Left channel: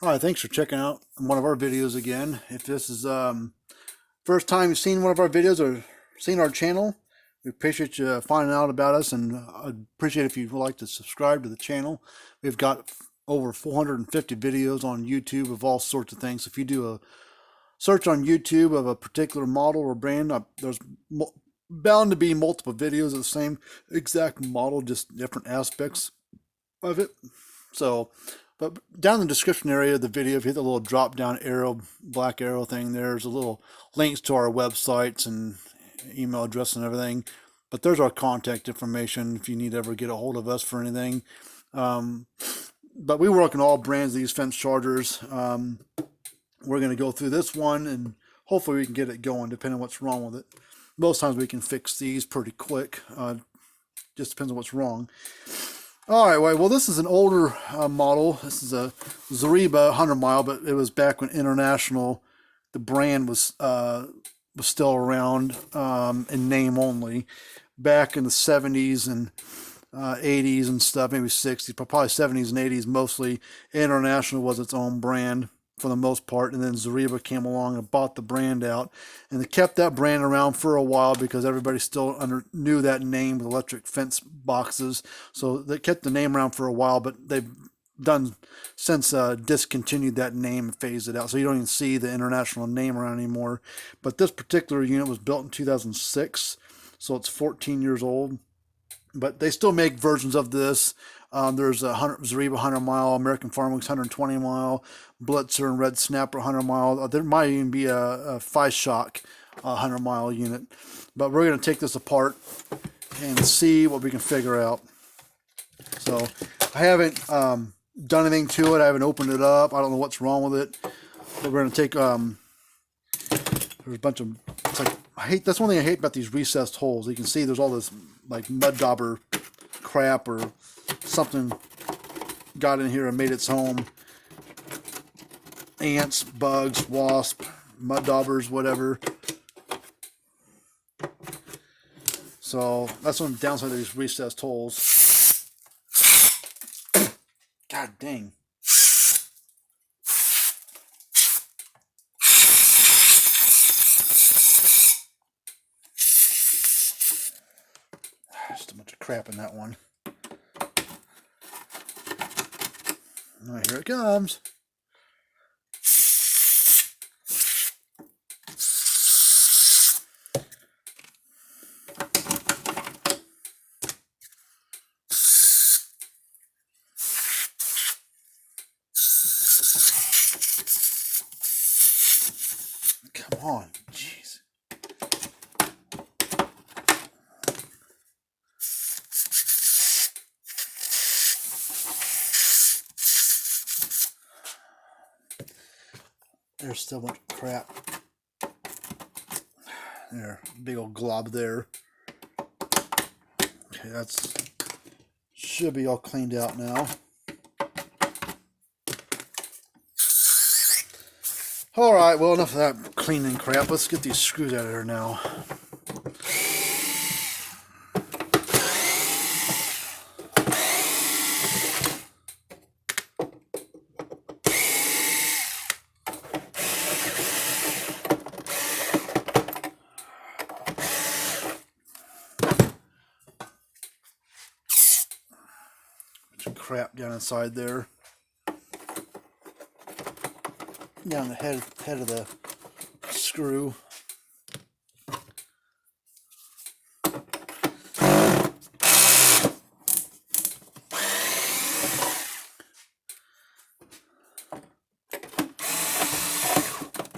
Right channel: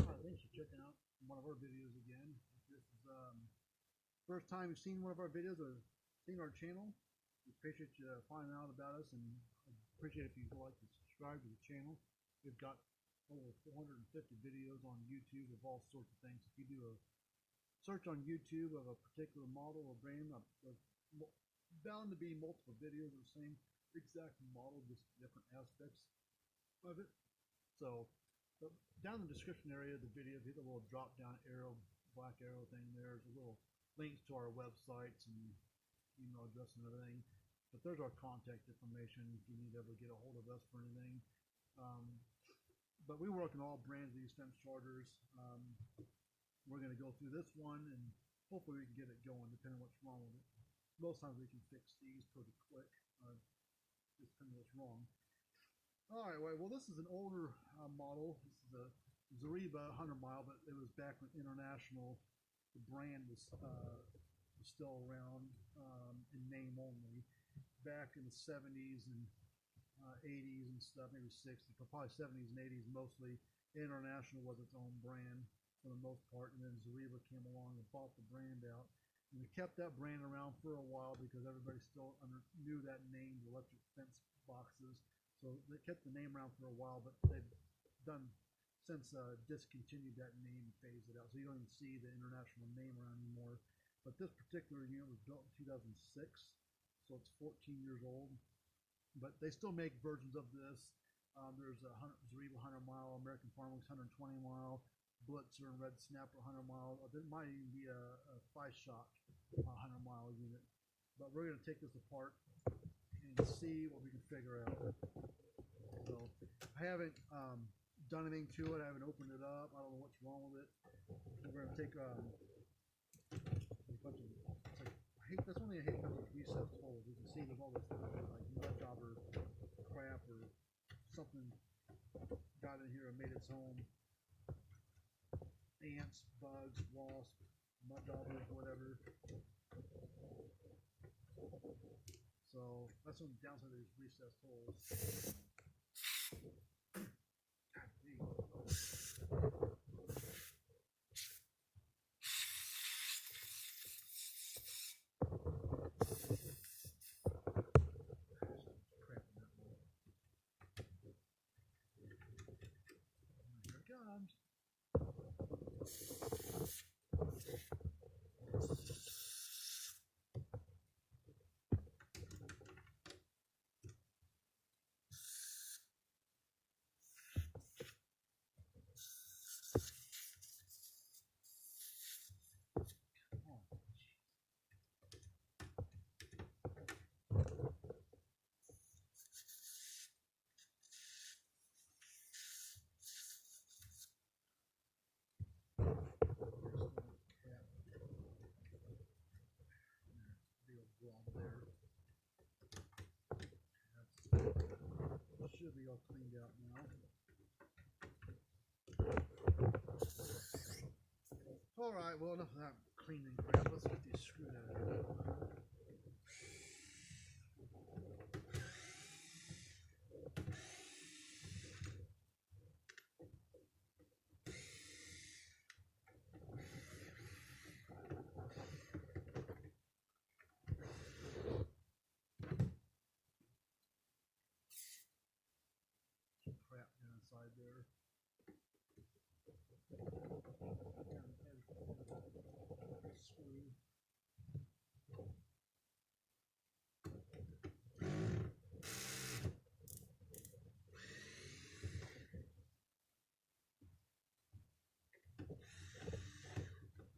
Hi, thanks for checking out one of our videos again. If this is first time you've seen one of our videos or seen our channel, we appreciate you finding out about us, and I'd appreciate if you'd like to subscribe to the channel. We've got over 450 videos on YouTube of all sorts of things. If you do a search on YouTube of a particular model or brand, there's bound to be multiple videos of the same exact model, just different aspects of it. So, but down in the description area of the video, if you hit the little drop down arrow, black arrow thing, there's a little links to our websites and email address and everything. But there's our contact information if you need to ever get a hold of us for anything. But we work on all brands of these fence chargers. We're going to go through this one and hopefully we can get it going depending on what's wrong with it. Most times we can fix these pretty quick. Just depends on what's wrong. Alright, well this is an older model. This is a Zareba 100 mile, but it was back when International, the brand was still around in name only. Back in the 70s and 80s and stuff, maybe 60s, but probably 70s and 80s mostly. International was its own brand for the most part, and then Zareba came along and bought the brand out, and they kept that brand around for a while because everybody still knew that name with electric fence boxes, so they kept the name around for a while, but they've done since discontinued that name and phased it out, so you don't even see the International name around anymore. But this particular unit was built in 2006, so it's 14 years old, but they still make versions of this. There's a Zareba 100 mile, American Farm Works 120 mile, Blitzer and Red Snapper 100 mile. There might even be a 5-shock 100 mile unit. But we're going to take this apart and see what we can figure out. So I haven't done anything to it. I haven't opened it up. I don't know what's wrong with it. But we're going to take, there's a bunch of, it's like, that's one thing I hate about these recessed holes. You can see there's all this like mud dauber crap or something got in here and made its home. Ants, bugs, wasps, mud daubers, whatever. So that's one downside of these recessed holes. God dang. Just a bunch of crap in that one. All right, here it comes. Come on, jeez. There's still a bunch of crap. There, big old glob there. Okay, that's should be all cleaned out now. Alright, well, enough of that cleaning crap. Let's get these screws out of here now. Crap down inside there. Down the head of the screw.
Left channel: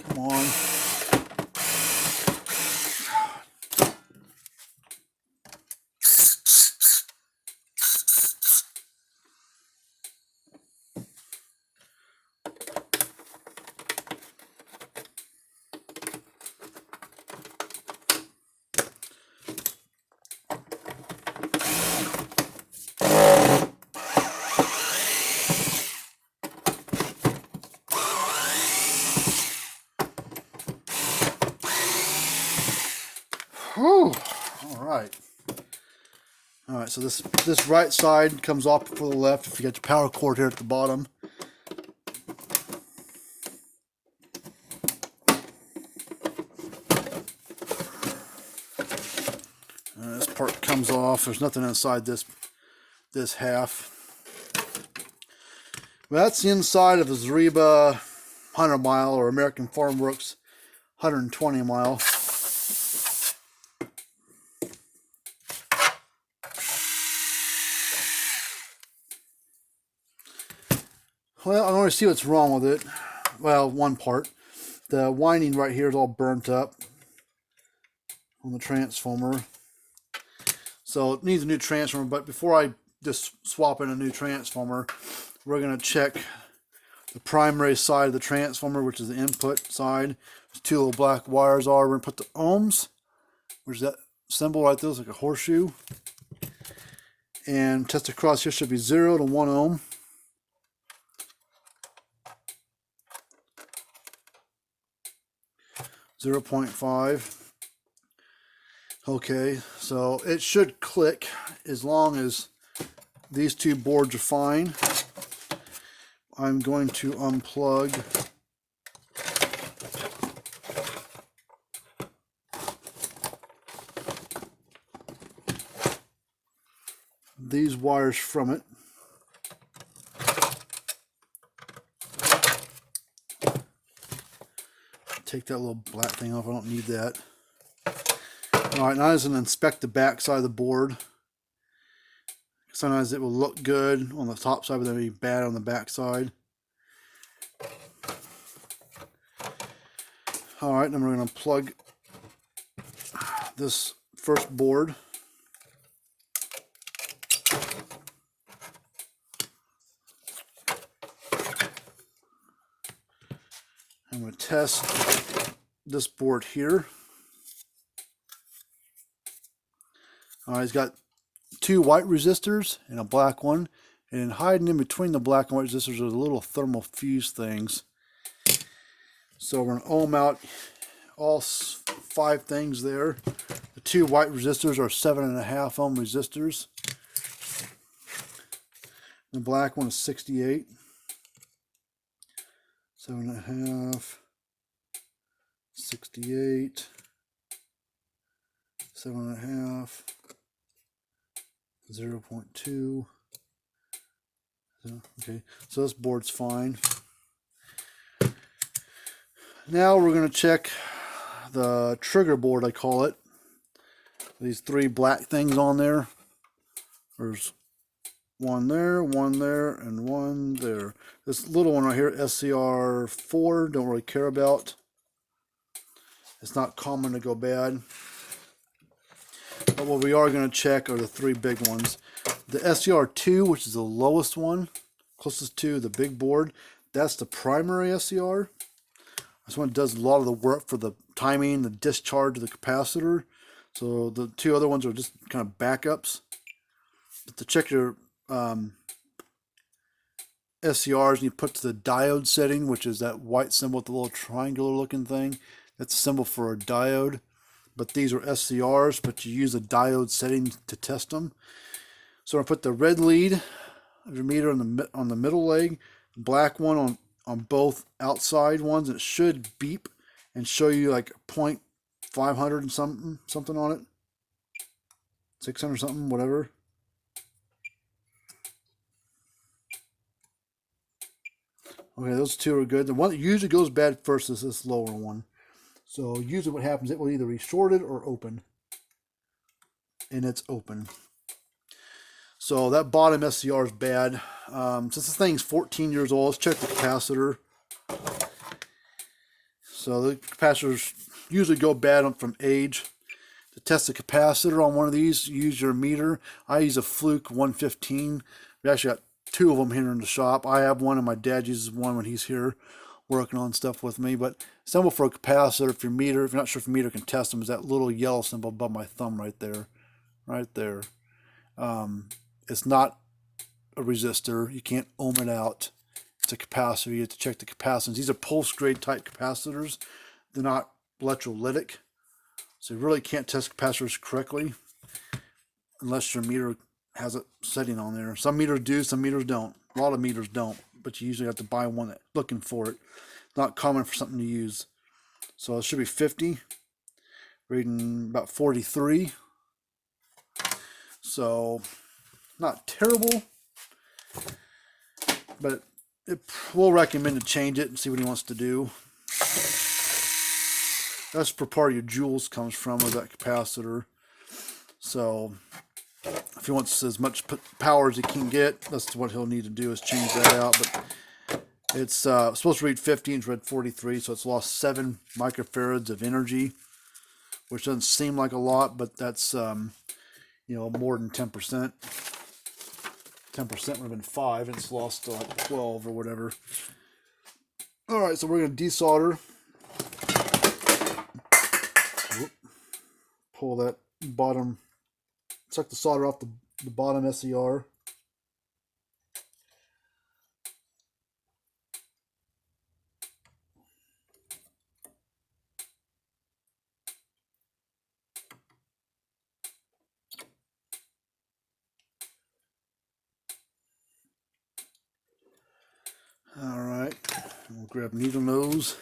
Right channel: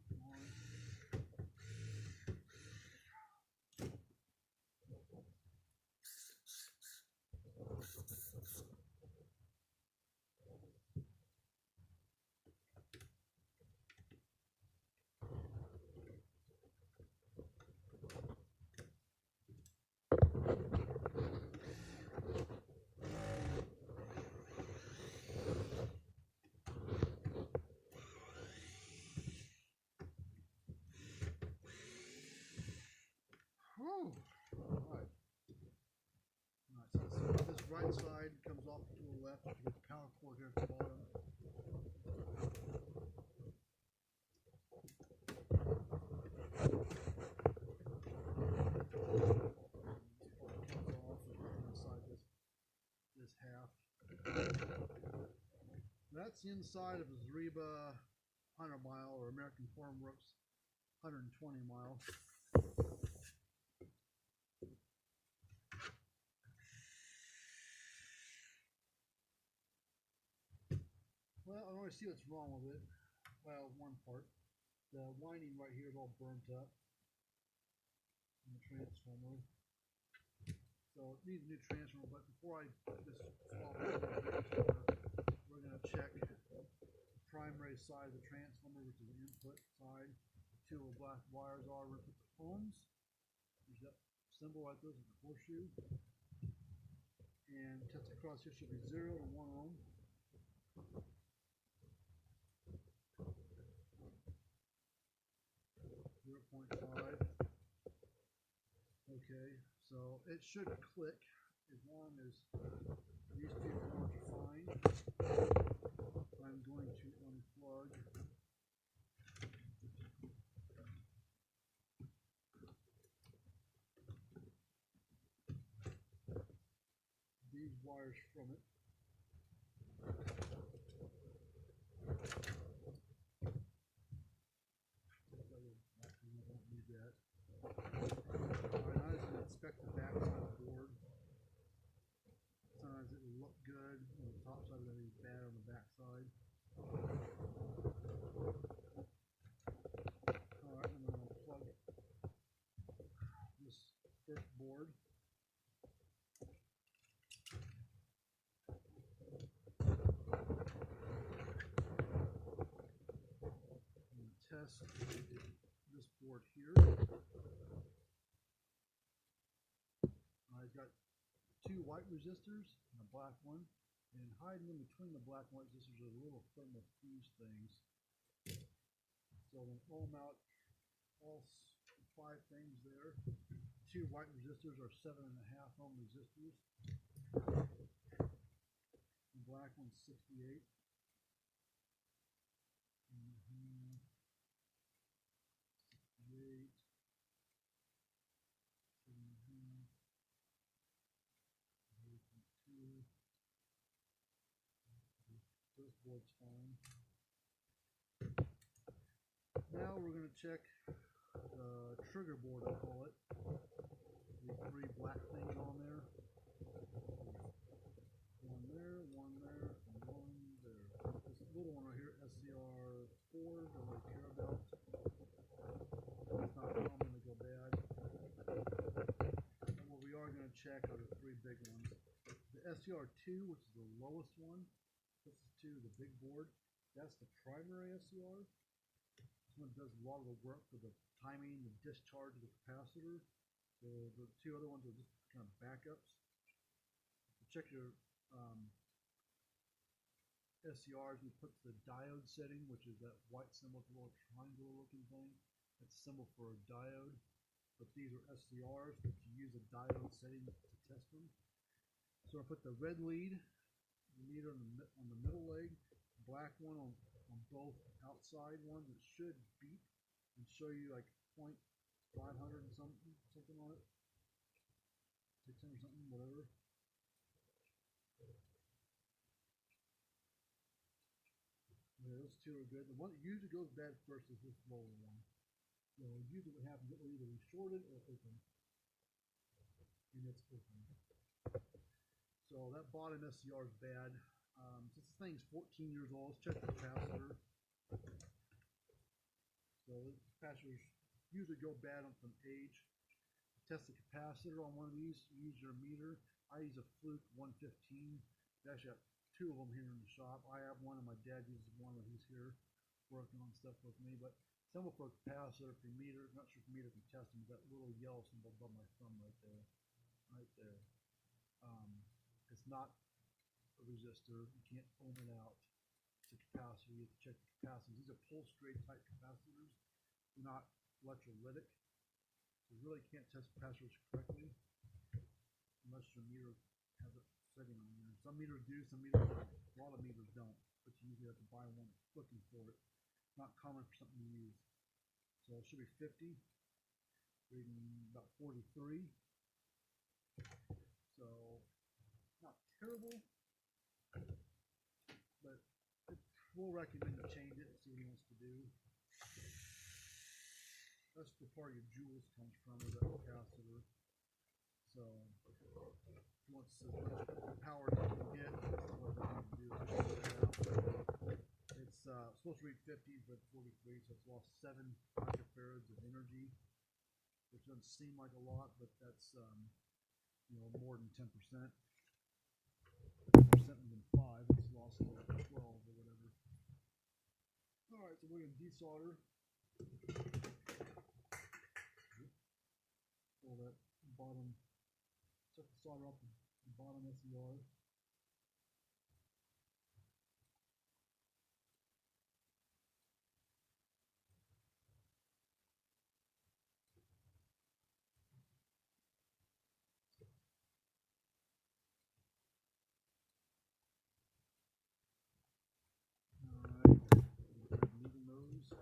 Come on. Whew. All right, so this right side comes off before the left if you got your power cord here at the bottom. comes off. There's nothing inside this half. Well, that's the inside of a Zareba 100 mile or American Farm Works 120 mile. Well, I want to see what's wrong with it. Well, one part. The winding right here is all burnt up on the transformer. So it needs a new transformer, but before I just swap in a new transformer, we're going to check the primary side of the transformer, which is the input side. There's two little black wires are. We're going to put the ohms, which is that symbol right there, it's like a horseshoe. And test across here should be 0 to 1 ohm. .5. Okay, so it should click as long as these two boards are fine. I'm going to unplug these wires from it. Take that little black thing off. I don't need that. Alright, now I'm going to inspect the back side of the board. Sometimes it will look good on the top side, but then it'll be bad on the back side. Alright, then we're going to plug this first board. I'm going to test this board here. It's got two white resistors and a black one, and hiding in between the black and white resistors are the little thermal fuse things. So we're going to ohm out all 5 things there. The two white resistors are 7.5 ohm resistors. The black one is 68. 7.5, 68, 7.5, 0.2. Okay, so this board's fine. Now we're going to check the trigger board, I call it. These 3 black things on there. There's one there, and one there. This little one right here, SCR4, don't really care about. It's not common to go bad. But what we are going to check are the 3 big ones. The SCR2, which is the lowest one, closest to the big board, that's the primary SCR. This one does a lot of the work for the timing, the discharge of the capacitor. So the 2 other ones are just kind of backups. But to check your SCRs, you put to the diode setting, which is that white symbol with the little triangular looking thing. That's a symbol for a diode. But these are SCRs, but you use a diode setting to test them. So I put the red lead of your meter on the middle leg, black one on both outside ones. It should beep and show you like 0.500 and something on it, 600 something, whatever. Okay, those 2 are good. The one that usually goes bad first is this lower one. So usually what happens, it will either be shorted or open. And it's open. So that bottom SCR is bad. Since this thing's 14 years old, let's check the capacitor. So the capacitors usually go bad from age. To test the capacitor on one of these, use your meter. I use a Fluke 115. We actually got 2 of them here in the shop. I have one and my dad uses one when he's here working on stuff with me. But symbol for a capacitor, if you're not sure if your meter can test them, is that little yellow symbol above my thumb right there. Right there. It's not a resistor. You can't ohm it out. It's a capacitor. You have to check the capacitance. These are pulse grade type capacitors. They're not electrolytic. So you really can't test capacitors correctly unless your meter has a setting on there. Some meters do, some meters don't. A lot of meters don't, but you usually have to buy one that's looking for it. Not common for something to use. So it should be 50. Reading about 43. So not terrible, but we'll recommend to change it and see what he wants to do. That's where part of your joules comes from, with that capacitor. So if he wants as much power as he can get, that's what he'll need to do, is change that out. But it's supposed to read 50 and it's read 43, so it's lost 7 microfarads of energy, which doesn't seem like a lot, but that's you know, more than 10%. 10% would have been 5. It's lost to like 12 or whatever. All right, so we're going to desolder. Pull that bottom, suck the solder off the bottom SER. All right, we'll grab needle nose,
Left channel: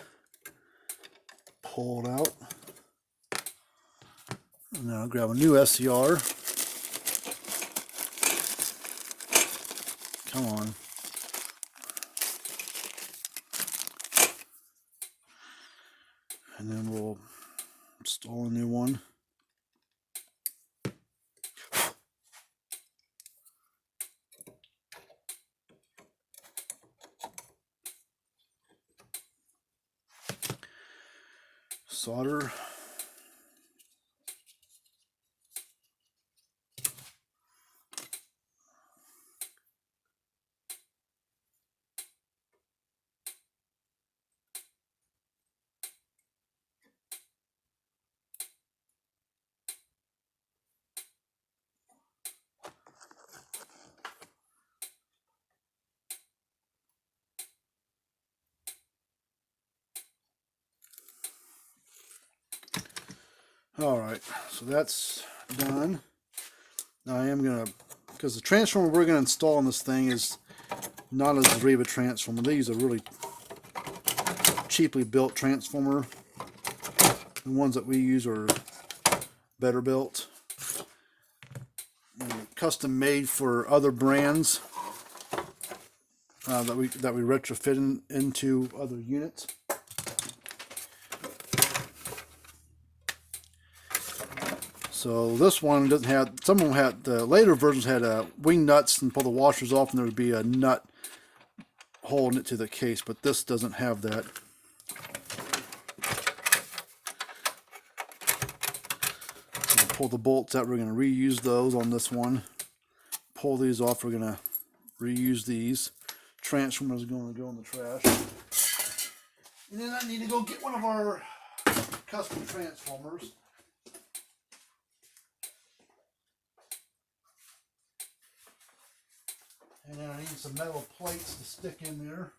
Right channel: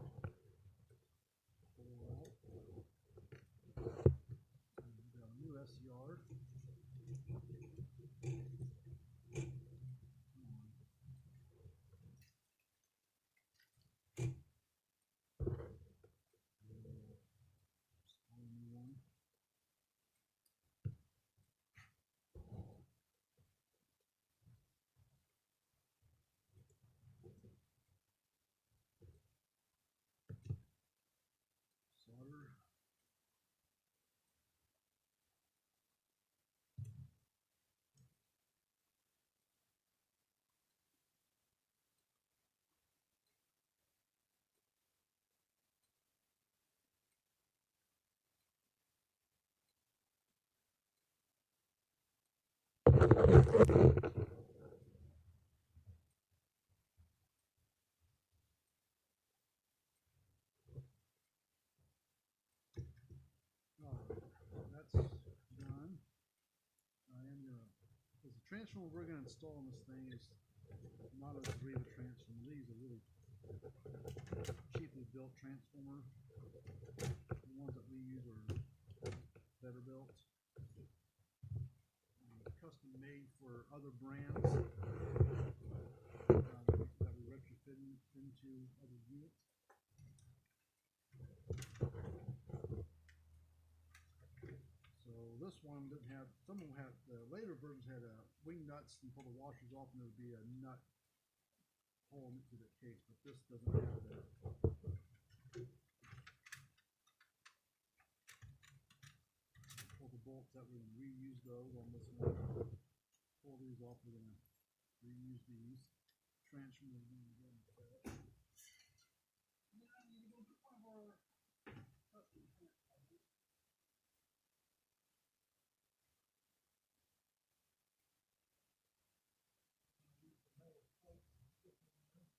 pull it out. Now grab a new SCR. Come on. And then we'll install a new one. Solder. All right, so that's done. Now I am gonna, because the transformer we're gonna install on this thing is not a Zareba transformer. They use a really cheaply built transformer. The ones that we use are better built, custom made for other brands that we retrofit into other units. So this one doesn't have, some of them had, the later versions had wing nuts, and pull the washers off and there would be a nut holding it to the case, but this doesn't have that. So pull the bolts out, we're going to reuse those on this one. Pull these off, we're going to reuse these. Transformer is going to go in the trash. And then I need to go get one of our custom transformers. And then I need some metal plates to stick in there.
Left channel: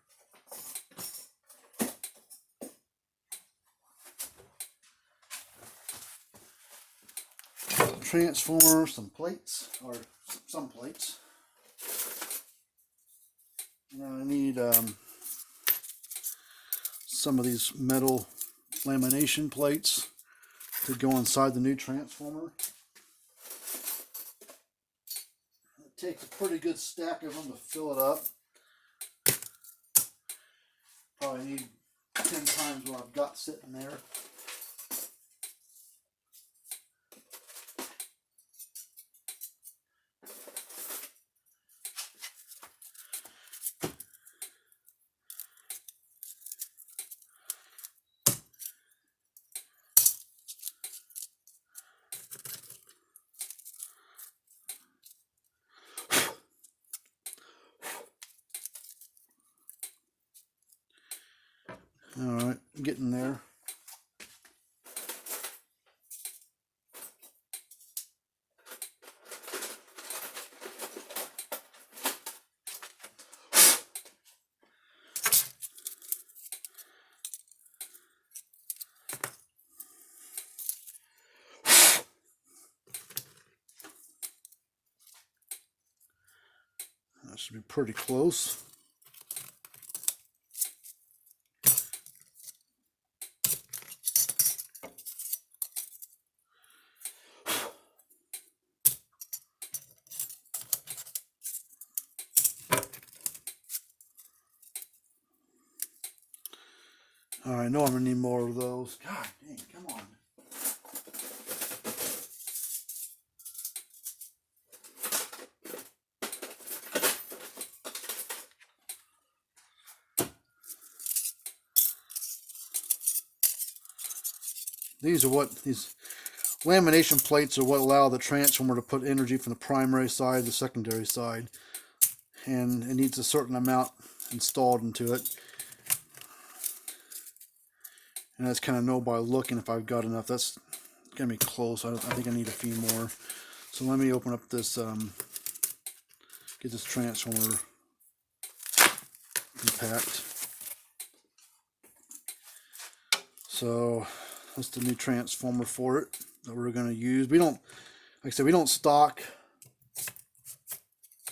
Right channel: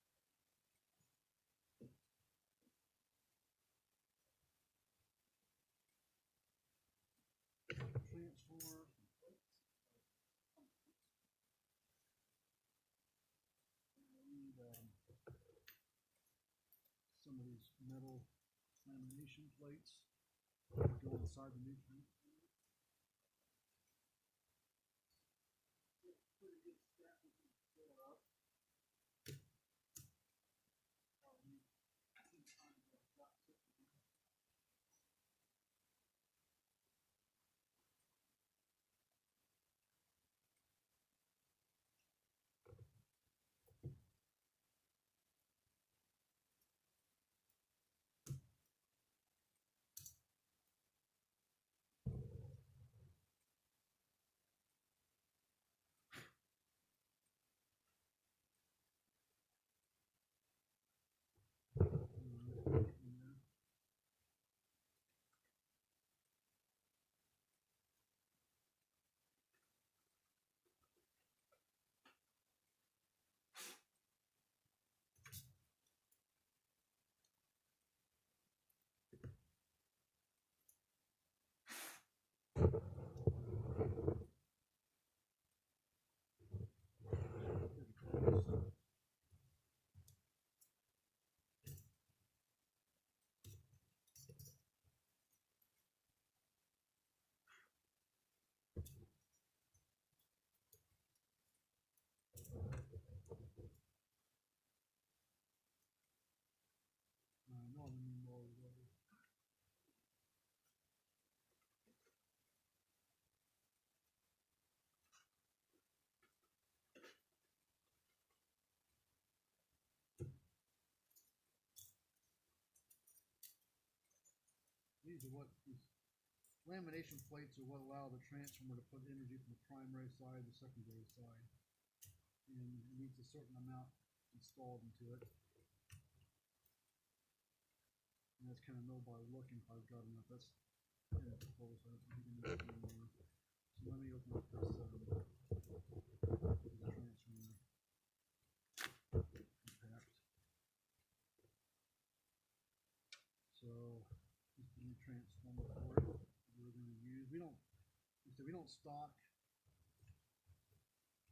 Transformer, some plates, or some plates. Now I need some of these metal lamination plates to go inside the new transformer. Takes a pretty good stack of them to fill it up. Probably need 10 times what I've got sitting there. All right, I'm getting there. That should be pretty close. All right, I know I'm gonna need more of those. God dang, come on. These lamination plates are what allow the transformer to put energy from the primary side to the secondary side, and it needs a certain amount installed into it. And that's kind of know by looking if I've got enough. That's gonna be close. I think I need a few more. So let me open up this, get this transformer compact. So that's the new transformer for it that we're going to use. We don't, like I said, we don't stock.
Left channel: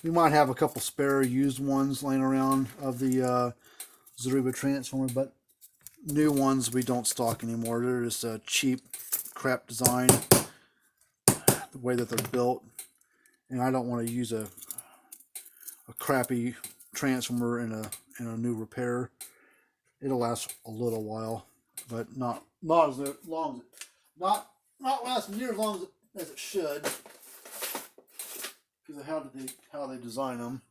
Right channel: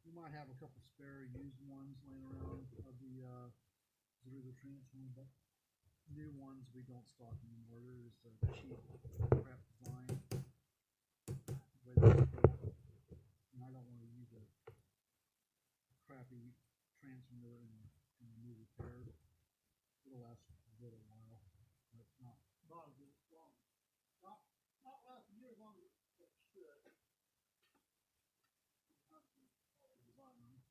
We might have a couple spare used ones laying around of the Zareba transformer, but new ones we don't stock anymore. They're just a cheap crap design, the way that they're built, and I don't want to use a crappy transformer in a new repair. It'll last a little while, but not as long as not last near as long as it should, because of how they design them.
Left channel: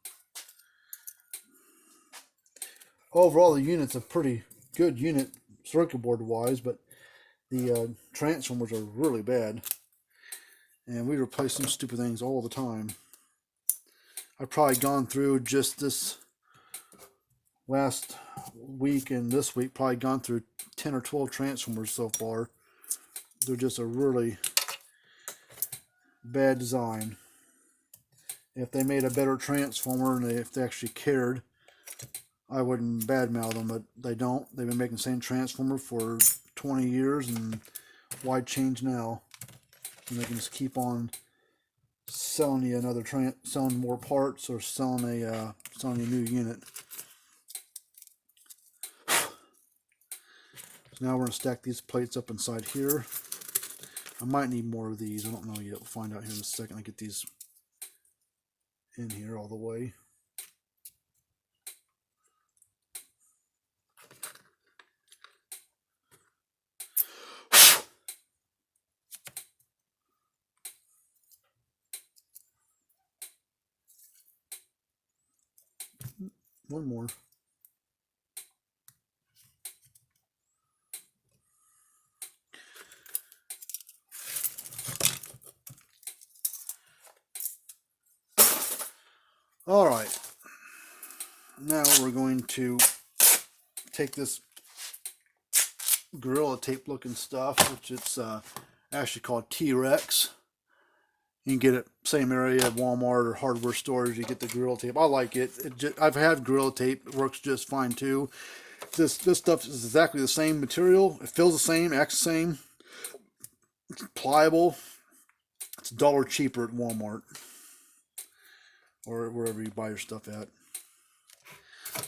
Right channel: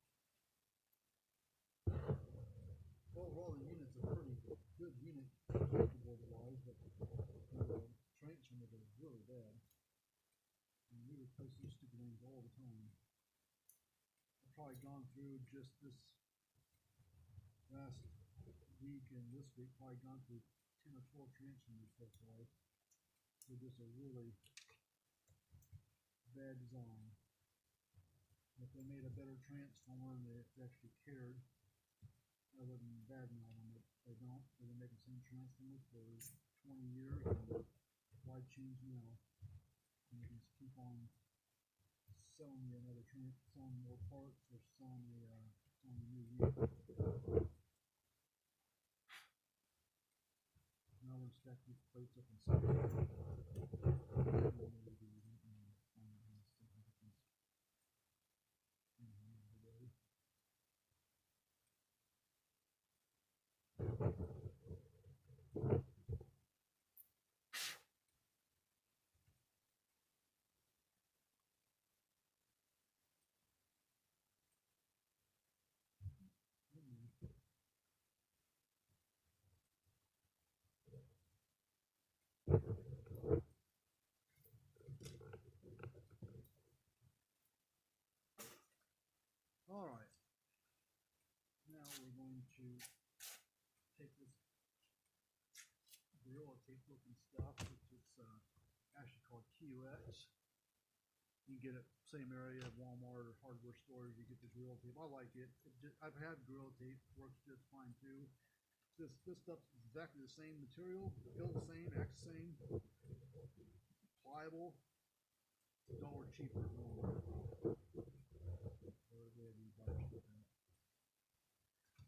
Overall, the unit's a pretty good unit circuit board wise, but the transformers are really bad, and we replace some stupid things all the time. I've probably gone through just this last week and this week, probably gone through 10 or 12 transformers so far. They're just a really bad design. If they made a better transformer and if they actually cared, I wouldn't badmouth them, but they don't. They've been making the same transformer for 20 years, and why change now? And they can just keep on selling you selling more parts, or selling a new unit. So now we're gonna stack these plates up inside here. I might need more of these. I don't know yet. We'll find out here in a second. I get these in here all the way. One more. All right. Now we're going to take this Gorilla Tape looking stuff, which it's actually called T-Rex. You can get it same area at Walmart or hardware stores. You get the Gorilla Tape. I like it. I've had Gorilla Tape. It works just fine too. This stuff is exactly the same material. It feels the same, acts the same. It's pliable. It's $1 cheaper at Walmart or wherever you buy your stuff at.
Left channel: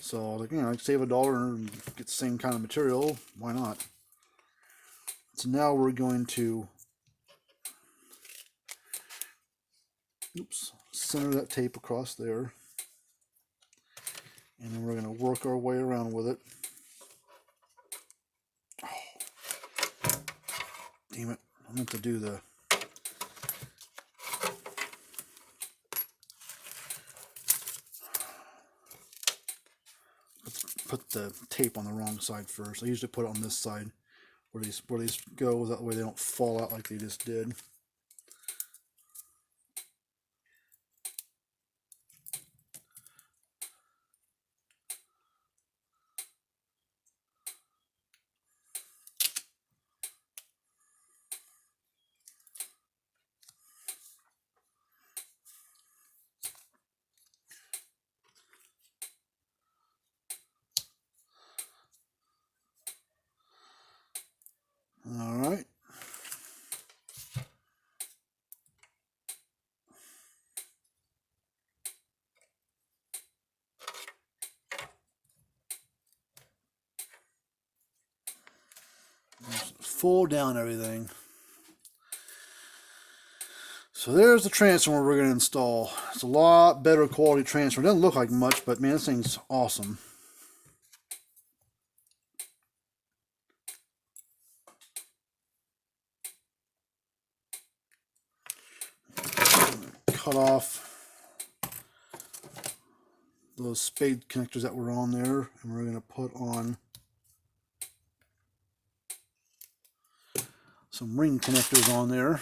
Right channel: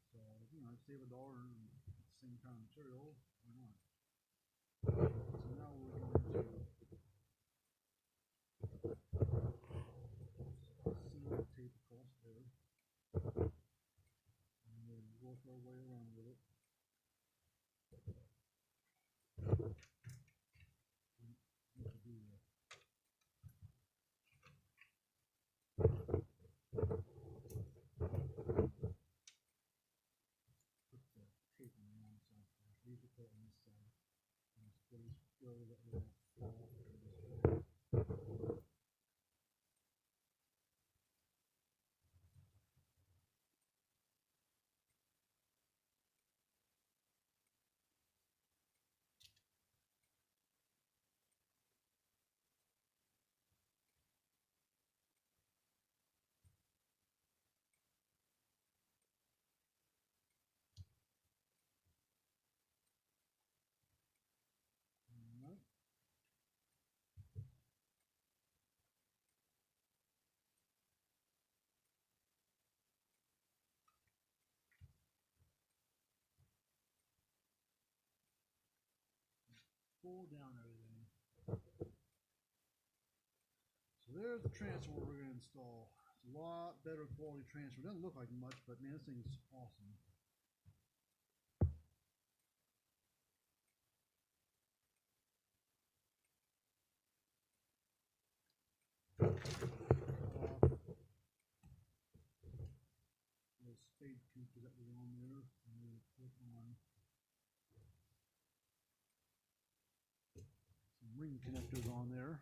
So, like, you know, save $1 and get the same kind of material. Why not? So now we're going to center that tape across there, and then we're going to work our way around with it. Oh, damn it! I meant to do the put the tape on the wrong side first. I usually put it on this side where these go, that way they don't fall out like they just did. All right. Just fold down everything. So there's the transformer we're going to install. It's a lot better quality transformer. It doesn't look like much, but man, this thing's awesome. cut off those spade connectors that were on there, and we're going to put on some ring connectors on there.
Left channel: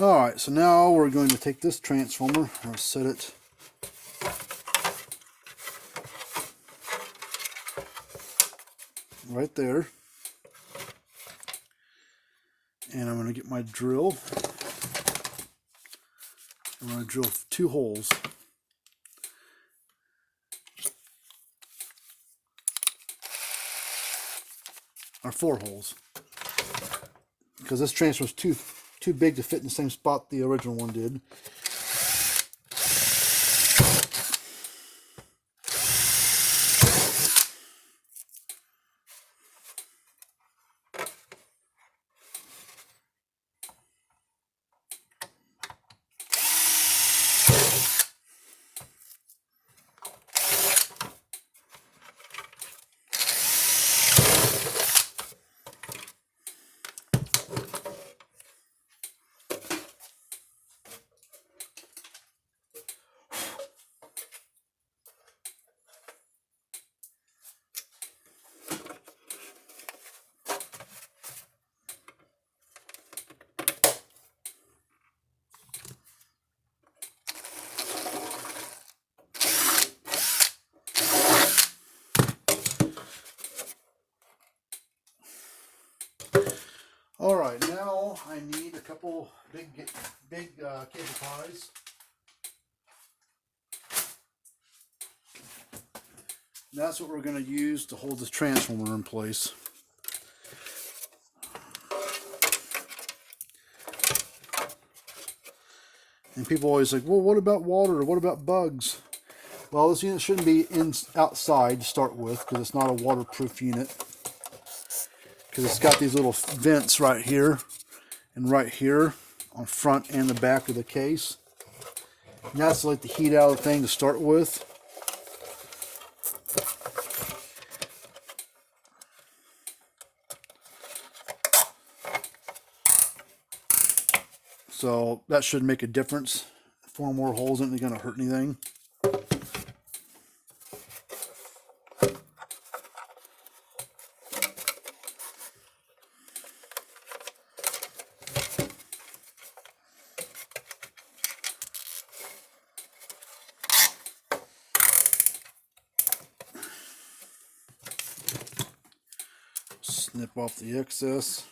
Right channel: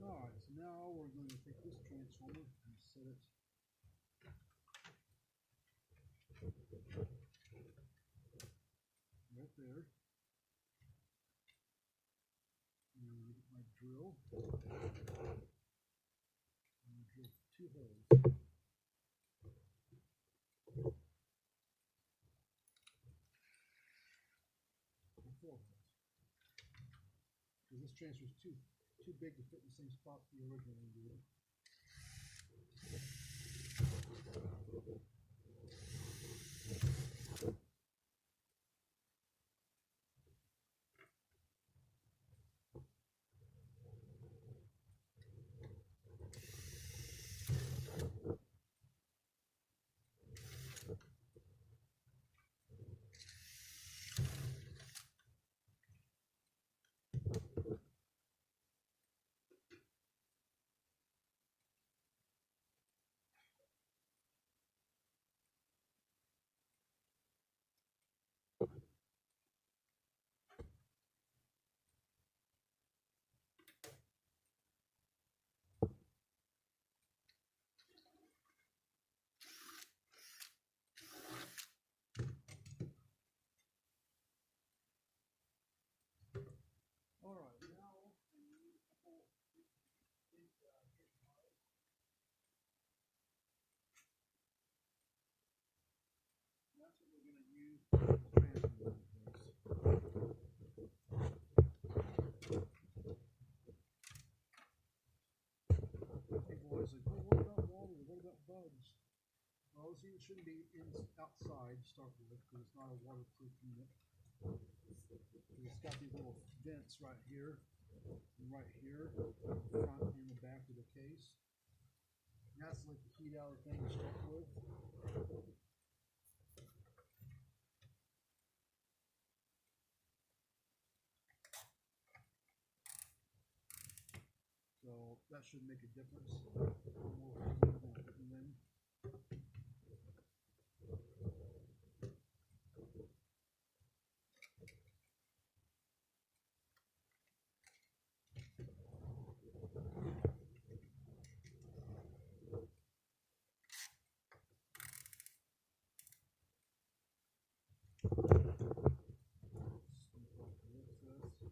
Alright, so now we're going to take this transformer and set it right there. And I'm going to get my drill. I'm going to drill 2 holes. Or 4 holes. Because this transformer is too big to fit in the same spot the original one did. Alright, now I need a couple big cable ties. And that's what we're going to use to hold this transformer in place. And people always like, well, what about water? What about bugs? Well, this unit shouldn't be outside to start with, because it's not a waterproof unit. Because it's got these little vents right here and right here on front and the back of the case. And that's to let the heat out of the thing to start with. So that should make a difference. 4 more holes isn't going to hurt anything. Snip off the excess.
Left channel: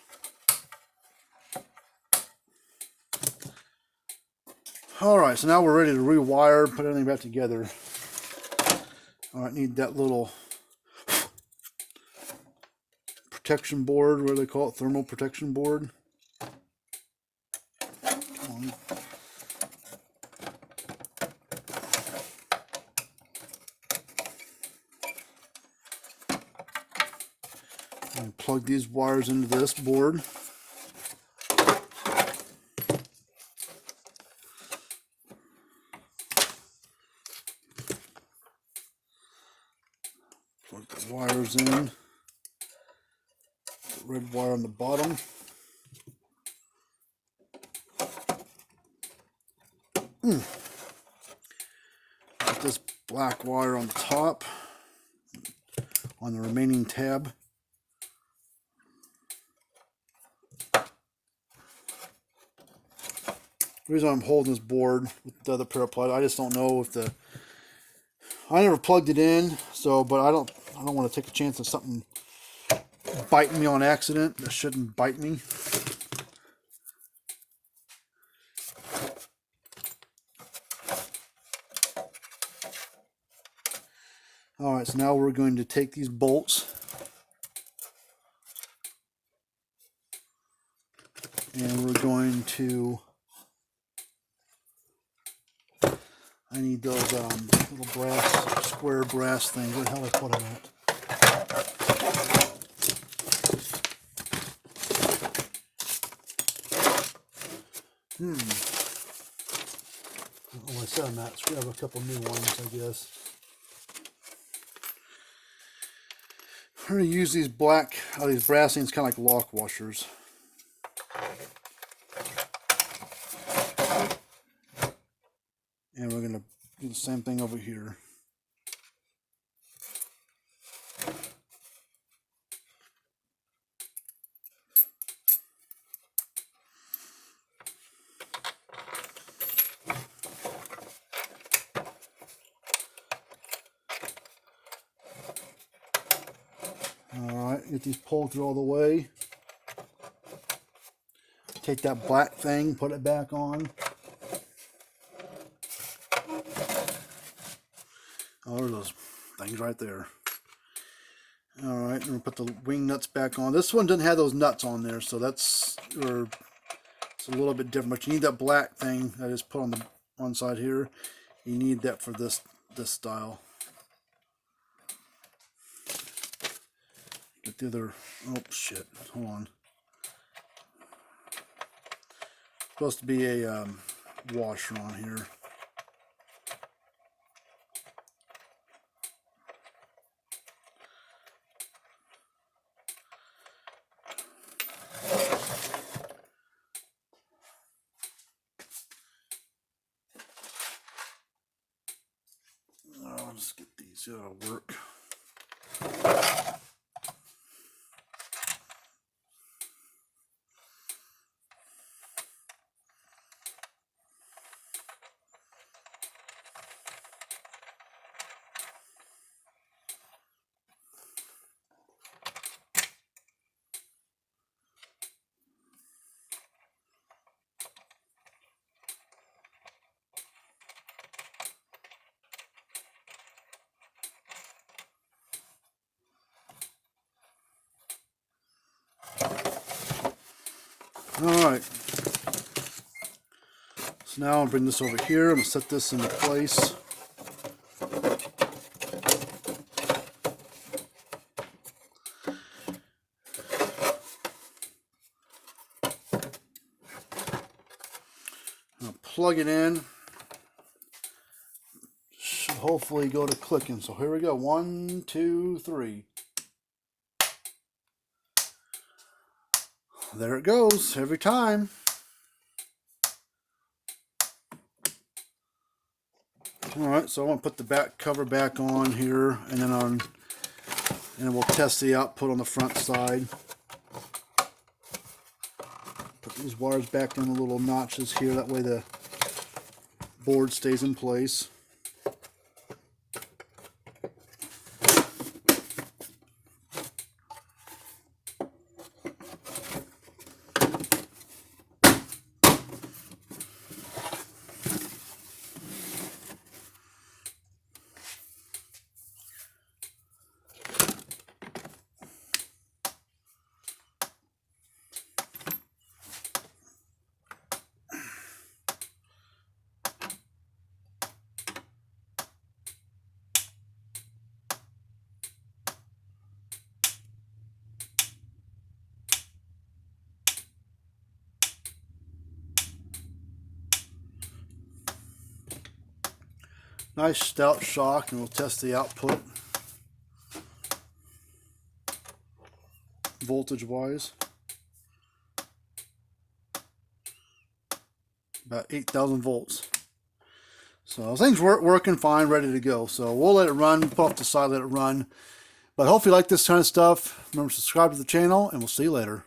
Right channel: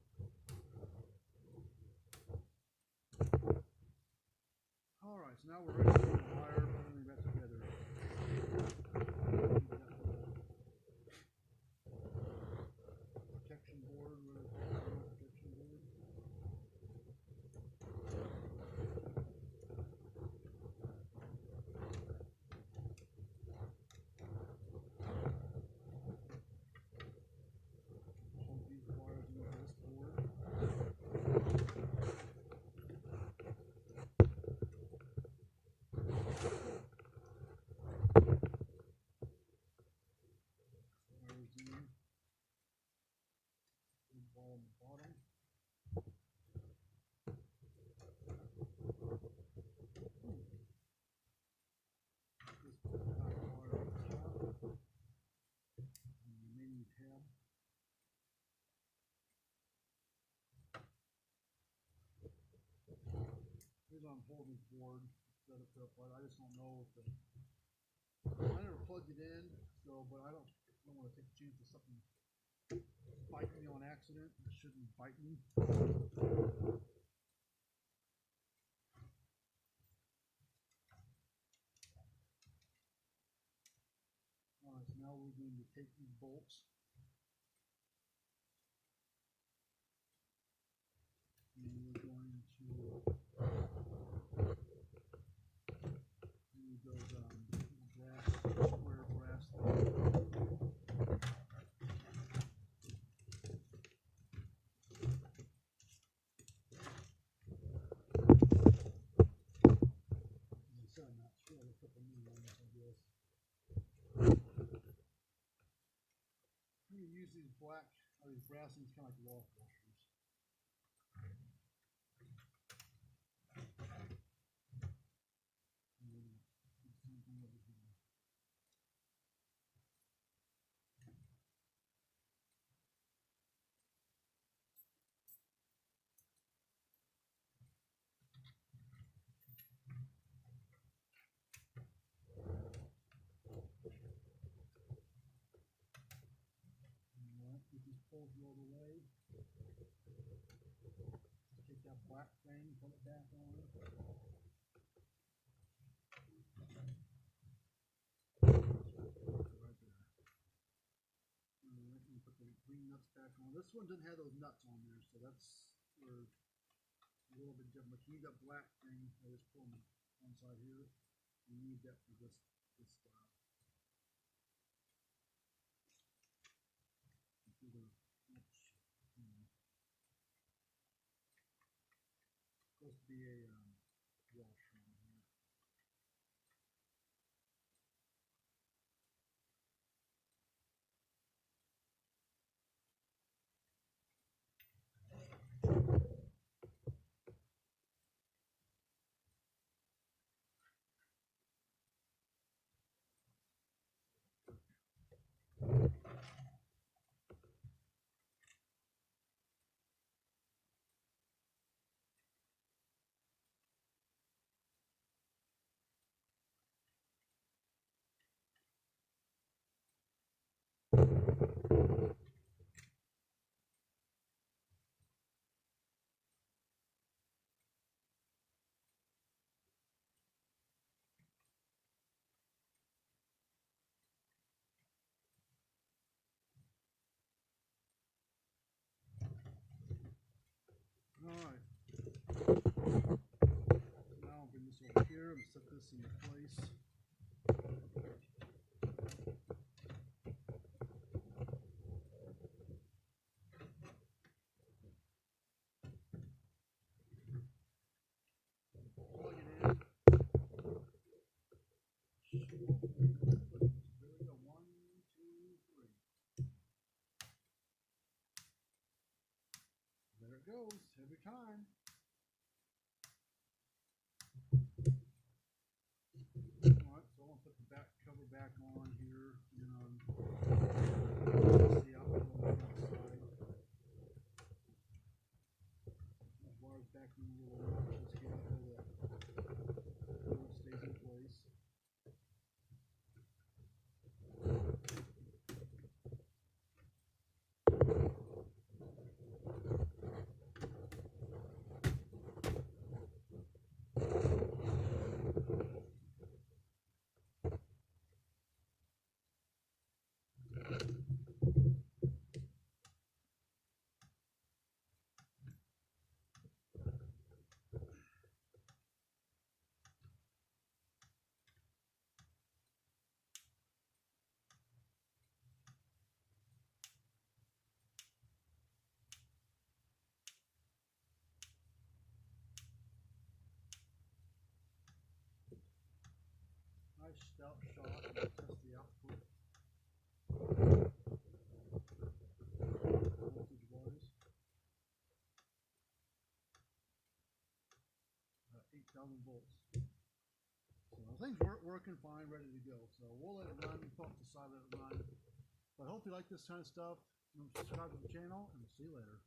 Alright, so now we're ready to rewire, put everything back together. I need that little protection board, what do they call it? Thermal protection board. And plug these wires into this board. Plug the wires in. Red wire on the bottom. Got this black wire on top on the remaining tab. The reason I'm holding this board with the other pair of pliers, I just don't know if I never plugged it in, so but I don't want to take a chance of something biting me on accident that shouldn't bite me. Alright, so now we're going to take these bolts and we're going to, I need those little brass, square brass things. Where the hell I put them at? I don't know where I set them at. Let's grab a couple new ones, I guess. We're going to use these these brass things, kind of like lock washers. And we're going to do the same thing over here. Alright, get these pulled through all the way. Take that black thing, put it back on. What are those things right there? Alright, and we'll put the wing nuts back on. This one didn't have those nuts on there, so it's a little bit different. But you need that black thing that is put on the one side here. You need that for this style. Get the other, oh shit, hold on. Supposed to be a washer on here. I'll just get these, it'll work. Alright, so now I'll bring this over here. I'm going to set this into place. I'll plug it in. Should hopefully go to clicking. So here we go. 1, 2, 3. There it goes every time. Alright, so I want to put the back cover back on here, and then we'll test the output on the front side. Put these wires back in the little notches here, that way the board stays in place. Nice stout shock, and we'll test the output voltage wise. About 8,000 volts. So things working fine, ready to go. So we'll let it run, put off the side, let it run. But hopefully you like this kind of stuff. Remember to subscribe to the channel, and we'll see you later.